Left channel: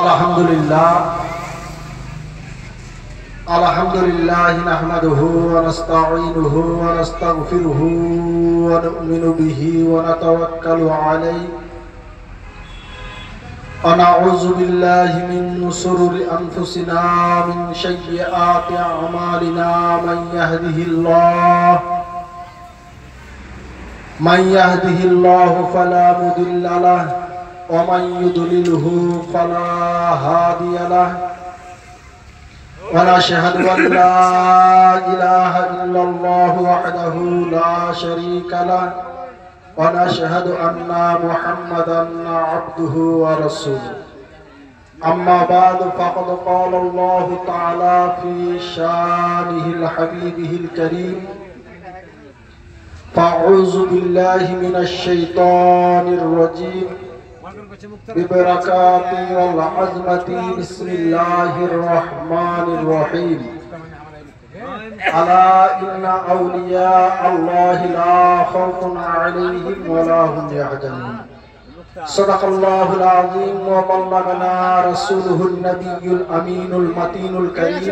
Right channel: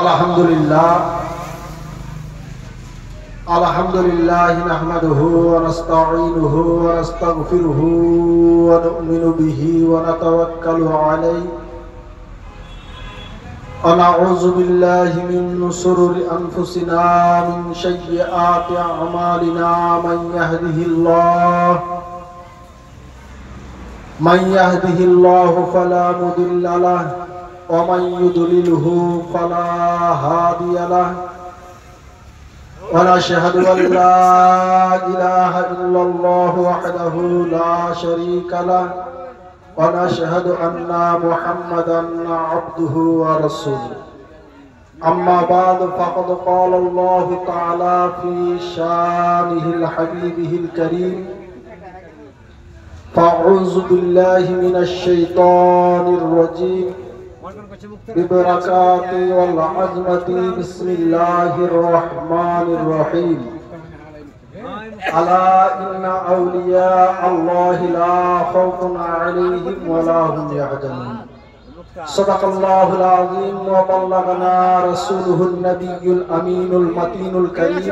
अल्हम्दुलिल्लाह नहमदुहु व नस्तईनुहु व नस्तगफिरुहु व नु'मिनु बिही व नतवक्कलु अलैहि व नऊज़ु बिल्लाहि मिन शुरूरि अनफुसिना मिन सय्यिआति अमालिना मन यहदिहिल्लाहु फला मुदिल्ल लहु व मन युद्लिलहु फला हादिय लहु व नशहदु अन ला इलाहा इल्लल्लाहु वहदहु ला शरीका लहु व नशहदु अन्ना मुहम्मदन अब्दुहु व रसूलुहु अम्मा बाद फ़क़द क़ाल अल्लाहु तआला फ़ी शानिहिल हबीबिहिल करीम फ़अऊज़ु बिल्लाहि मिनश शैतानिर रजीम बिबरकाति वल अज़मति बिस्मिल्लाहिर रहमानिर रहीम अला इन्ना औलिया अल्लाहि ला खौफुन अलैहिम व ला हुम यहज़नून सदक़ल्लाहुल अज़ीम व बल्लगना रसूलुहुन नबियुल अमीनुल मतीनुल करीम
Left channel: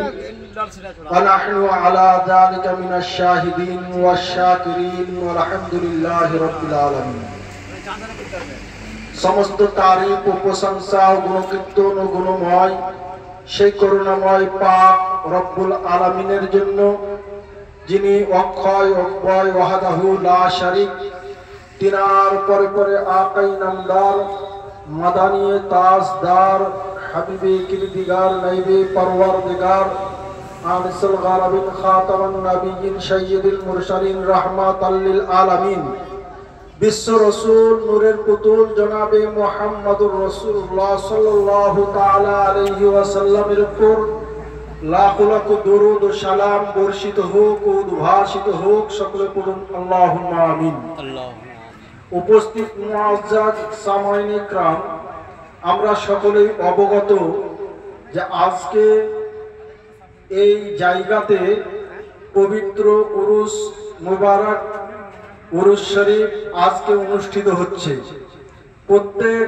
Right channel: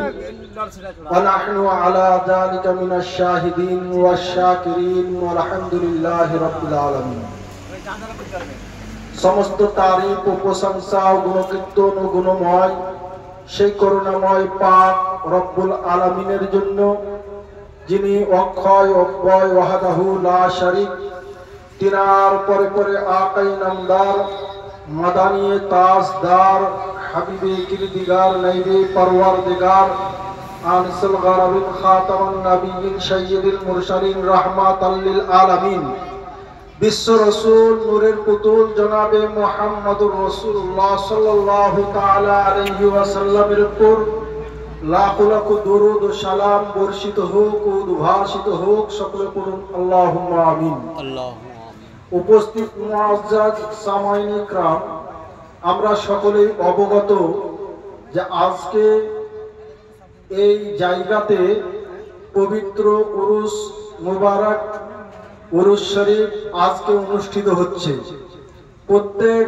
व नहनु अला ज़ालिका मिनश शाहिदीन वश शाकिरीन वल्हम्दुलिल्लाहि रब्बिल आलमीन। समस्त तारीफ ও প্রশংসা ও গুণকীর্তন ও গুণময় সেই করুণাময় পাক রব্বুল আলামিনের জন্য, যিনি অক্ষয় অব্যয় ওয়াহদাহু লা শারীক, তিনার পরে পরে আকাই নামদার মাদানিয়ে তাজদার হাবিবে কিরদিগার নাইবে পরওয়ারদিগার আনিসুল গারাবিন খাতামুন নবিয়্যিন সাইয়্যিদুল মুরসালিন রাহমাতাল লিল আলামিন বিশ্ব রসুল নূরের পুতুল জনাবে মুহাম্মদুর রাসূলুল্লাহ সাল্লাল্লাহু তাআলা আলাইহি ওয়াসাল্লামের উপর লাখ লাখ দরুদ ও সালাম বর্ষিত হোক ও উদ্ভাসিত হোক। সকলে পড়ুন আল্লাহুম্মা আমিন। উপস্থিত মুআজ্জাজ সামাঈন ইকরাম, আমরা সকলেই অবগত যে আজকে এই জায়গাতে পবিত্র উরুস মুবারক উরুস শরীফ আজকে অনুষ্ঠিত হচ্ছে। প্রত্যেক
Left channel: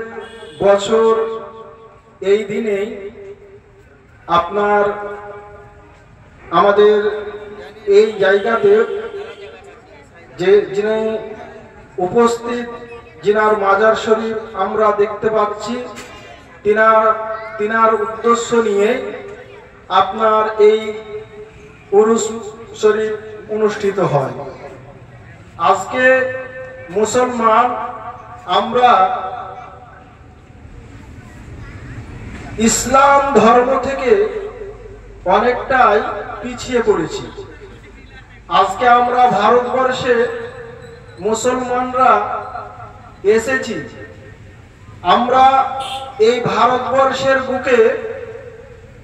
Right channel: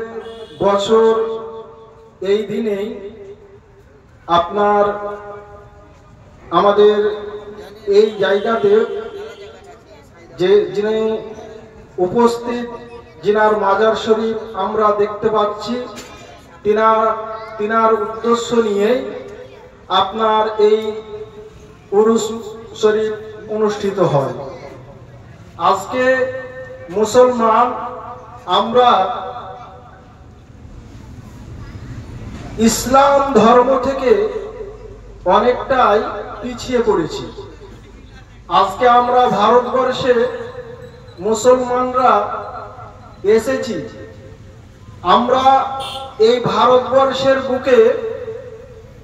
বছর এই দিনেই আপনার আমাদের এই জায়গাতে যে যিনি উপস্থিত, যিনার মাজার শরীফ আমরা দেখতে পাচ্ছি, তিনার উদ্দেশ্য নিয়ে আপনার এই উরুস শরীফ অনুষ্ঠিত হয়। আজকে মুসলমান আমরা ইসলাম ধর্ম থেকে অনেকটাই পিছিয়ে পড়েছি। আজকে আমরা ভারতবর্ষে মুসলমানরা এসেছি। আমরা এই ভারতবর্ষের বুকে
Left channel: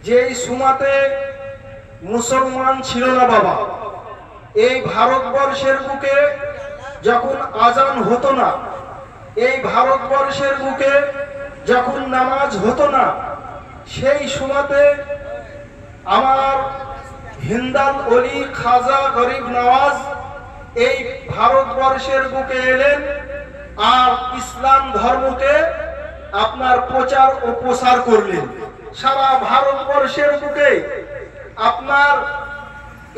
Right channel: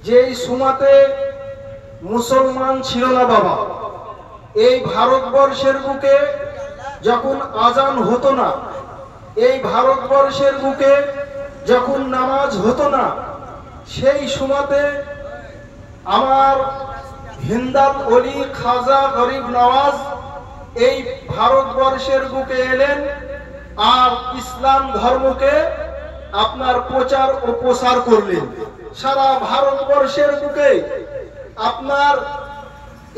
যেই সময়তে মুসলমান ছিল না বাবা, এই ভারতবর্ষের বুকে যখন আজান হতো না, এই ভারতবর্ষের বুকে যখন নামাজ হতো না, সেই সময়তে আমার হিন্দাল ওলি খাজা গরিব নওয়াজ এই ভারতবর্ষের বুকে এলেন আর ইসলাম ধর্মকে আপনার প্রচার ও প্রসার করলেন। সারা ভারতবর্ষের বুকে আপনার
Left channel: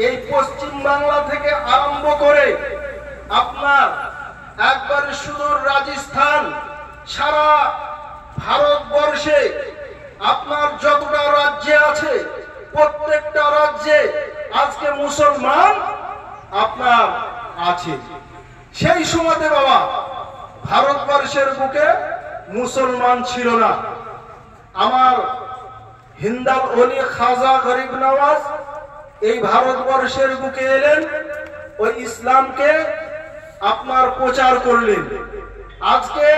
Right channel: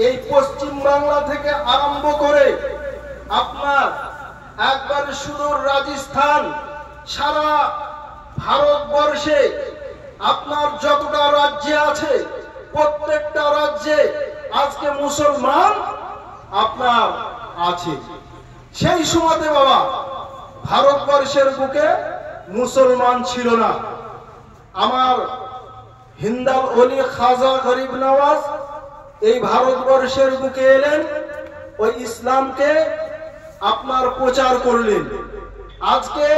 এই পশ্চিম বাংলা থেকে আরম্ভ করে আপনার একবারে সুদূর রাজস্থান, সারা ভারতবর্ষে আপনার যতটা রাজ্যে আছে প্রত্যেকটা রাজ্যে আজকে মুসলমান আপনার আছে। সেই সময়তে বাবা ভারতবর্ষের বুকে মুসলমান ছিল না। আমার হিন্দাল ওলি খাজা গরিব নওয়াজ এই ভারতবর্ষের বুকে এলেন, ওই ইসলামকে আপনার প্রচার করলেন। আজকে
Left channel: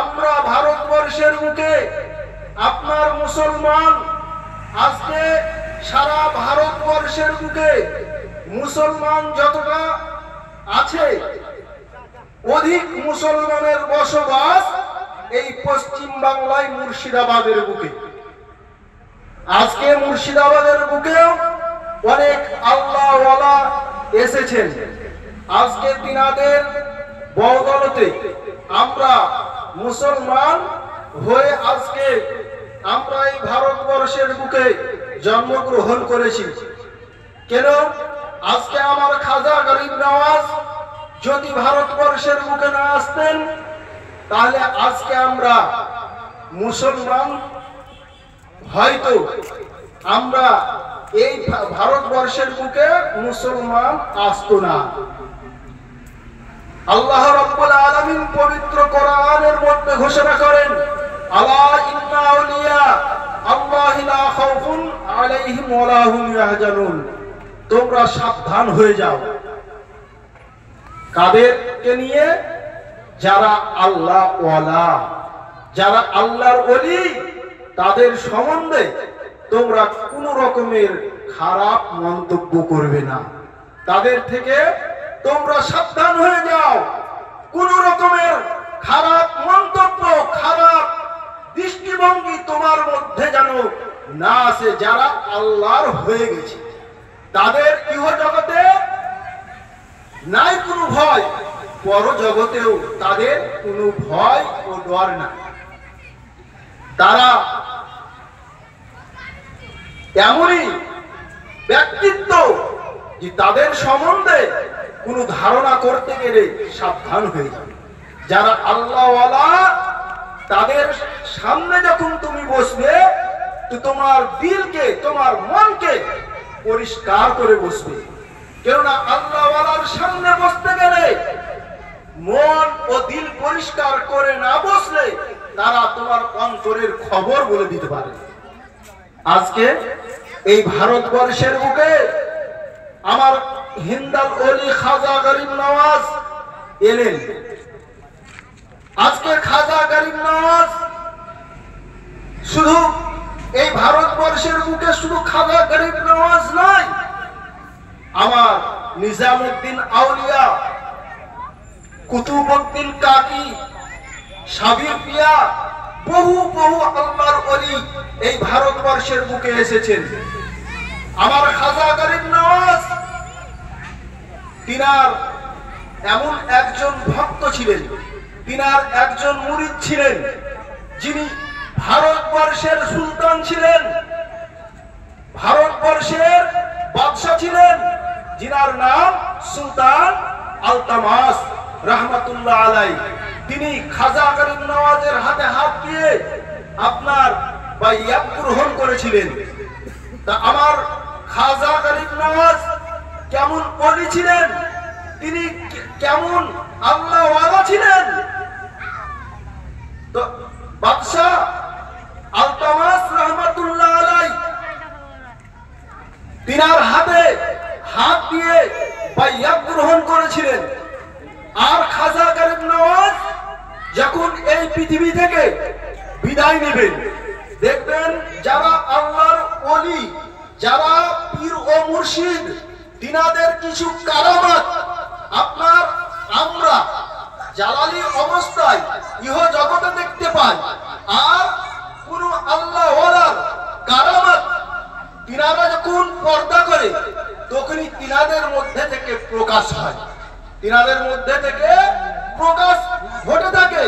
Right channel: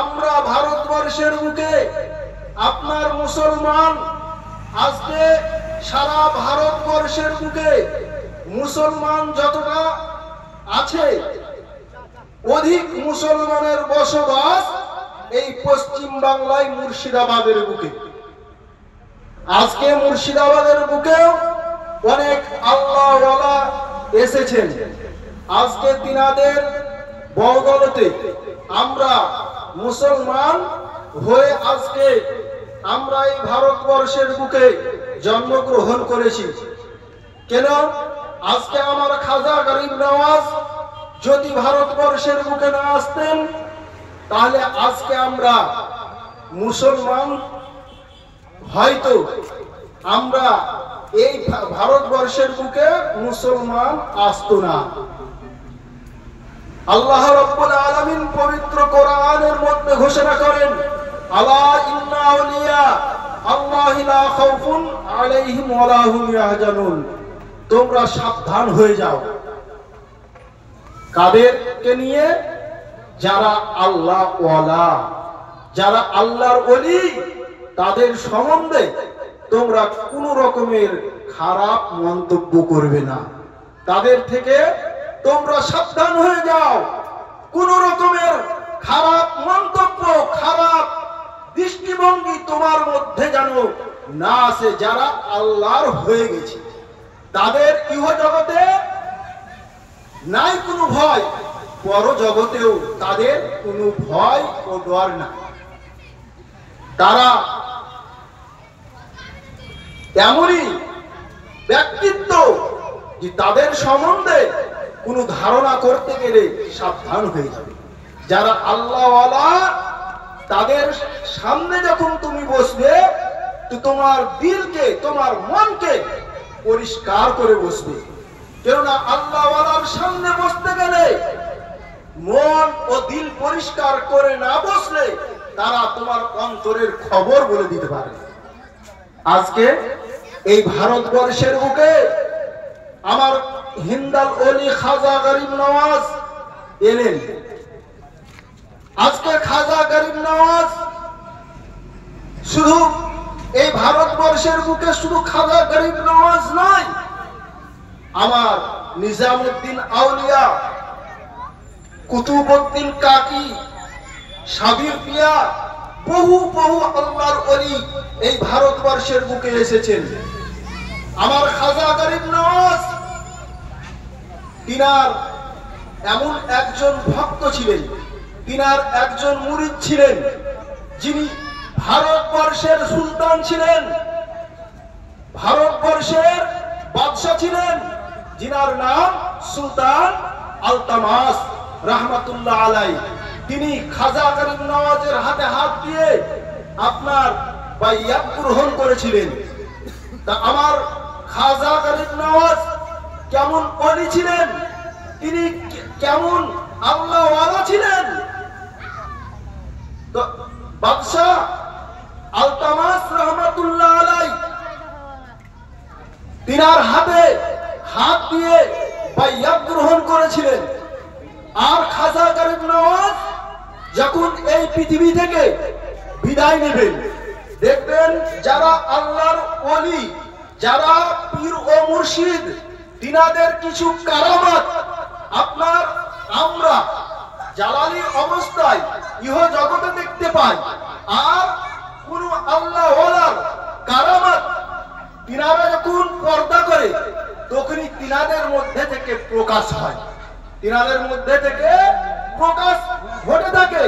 আমরা ভারতবর্ষের বুকে আপনার মুসলমান, আজকে সারা ভারতবর্ষের বুকে মুসলমান যতটা আছে, অধিক মুসলমানের বসবাস এই পশ্চিম বাংলায় মুর্শিদাবাদের বুকে। আজকে মুর্শিদাবাদের বুকেও অনেক আল্লাহওয়ালা এসেছেন। আজকে তিনাদের বদৌলতে আমরা মুসলমান হয়ে আজকে আমরা এই ভারতবর্ষের বুকে জন্মগ্রহণ করেছি। কেন? আজকে আমার খাজা গরিব নওয়াজ যদি ভারতবর্ষের বুকে না আসতেন, তাহলে আজকে আমরা মুসলমান হয়তো আমরা এই ভারতবর্ষের বুকে মুসলমান আসতো না। আল্লাহ রাব্বুল আলামিন পবিত্র কোরআনের মধ্যে ঘোষণা করেন, আলা ইন্না আউলিয়া আল্লাহি লা খাউফুন আলাইহিম ওয়া লা হুম ইয়াহজানুন। তোমরা সাবধান হয়ে যাও। কাদেরকে নিয়ে? যারা আল্লাহ ওয়ালা, যারা আল্লাহর ওলি, তাদের সম্বন্ধে তোমরা কোন রকমের খারাপ মন্তব্য করবে না। তাদের থেকে তোমরা সাবধান হয়ে যাও। কোন রকমের খারাপ মন্তব্য, খারাপ দৃষ্টিভঙ্গি তোমার মধ্যে যেন না আসে। যারা আল্লাহর হয়ে গেছে তাদের ইহজগতে নাই কোনো ভয়, পরজগতেও তাদের কোনো ভয় ও ডর না। তারা এমনই ব্যক্তিত্ব যে তাদের সম্বন্ধে কোনো ধারণা করতে গেলে সাবধান হয়ে যাবে। যারা আল্লাহওয়ালা, তাদের সামনে যখন তুমি বসবে তো তোমার দিলকে, তোমার মনকে পরিষ্কার করে বসবে। কেননা আল্লাহওয়ালার সামনে বসতে গেলে মন ও দিল পরিষ্কার করে না বসলে তারা তোমার অন্তরের খবর বলে দিতে পারে। আজকে এই ভারতবর্ষের বুকে আমার হিন্দাল ওলি খাজা গরিব নওয়াজ এলেন। আজকে খাজা গরিব নওয়াজ শুধু এই ভারতবর্ষের বুকে শুধু খাজা গরিব নওয়াজ নয়, আমার নিজামউদ্দিন আউলিয়া, কুতুবউদ্দিন কাকি, সাবির পিয়া, বহু বহু আল্লাহর ওলি এই ভারতবর্ষের বুকে এসেছেন। আমার খাজা গরিব নওয়াজ তিনার এমন একজন ভক্ত ছিলেন, তিনার একজন মুরিদ ছিলেন, যিনি ভারতবর্ষের সুলতান ছিলেন, ভারতবর্ষের বাদশা ছিলেন, যিনার নাম সুলতান আলতামাস রহমাতুল্লাহ আলাই। তিনি খাজা গরিব নওয়াজের হাতে হাত দিয়ে আপনার বাইয়াত গ্রহণ করেছিলেন। তা আমার খাজা গরিব নওয়াজ কেমন ওলি ছিলেন, তিনি কেমন আল্লাহওয়ালা ছিলেন, তো বাদশাহ আলতামাস রহমাতুল্লাহ আলাই তিনার হাতে হাত দিয়ে বাইয়াত গ্রহণ করেছিলেন। আর খাজা গরিব নওয়াজ যখন এই পৃথিবী থেকে বিদায় নেবেন, দেখবেন যারা আল্লাহর ওলি, যারা পীর ও মুর্শিদ, তিনাদের কিছু কারামাত আপনার আমরা জালালি অবস্থায় ইহ জগতে দেখতে পাই। আর কোন আল্লাহওয়ালার কারামাত তিনারা যখন পর্দা করে তখনই তিনাদের মধ্যে থেকে প্রকাশ হয়, তিনাদের মধ্যে থেকে প্রকাশ ঘটে থাকে।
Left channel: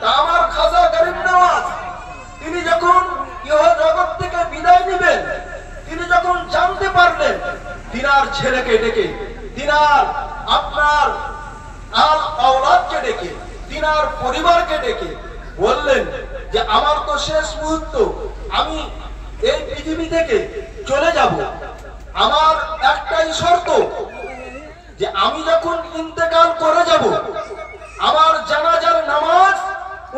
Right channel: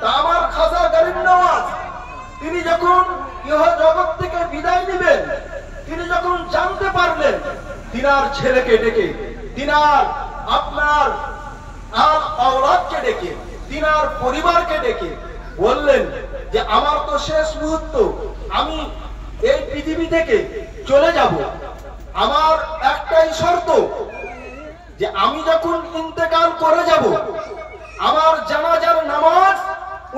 তা আমার খাজা গরিব নওয়াজ তিনি যখন ইহ জগৎ থেকে বিদায় নেবেন, তিনি যখন জানতে পারলেন, তিনার ছেলেকে ডেকে, তিনার আপনার আল আওলাদকে ডেকে, তিনার পরিবারকে ডেকে বললেন যে আমার তো শেষ মুহূর্ত, আমি এই পৃথিবী থেকে চলে যাব। আমার একটাই শর্ত যে আমি যখন ইন্তেকাল করে যাব, আমার জানাজার নামাজ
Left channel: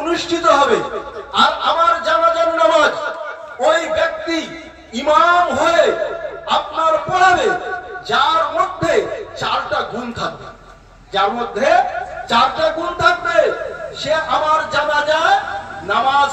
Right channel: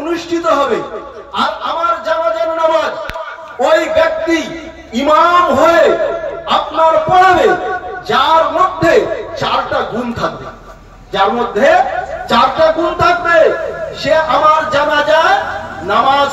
অনুষ্ঠিত হবে। আর আমার জানাজার নামাজ ওই ব্যক্তি ইমাম হয়ে আপনার পড়াবে যার মধ্যে 4টা গুণ থাকবে, যার মধ্যে 4টা গুণ থাকবে, সে আমার জানাজা নামাজ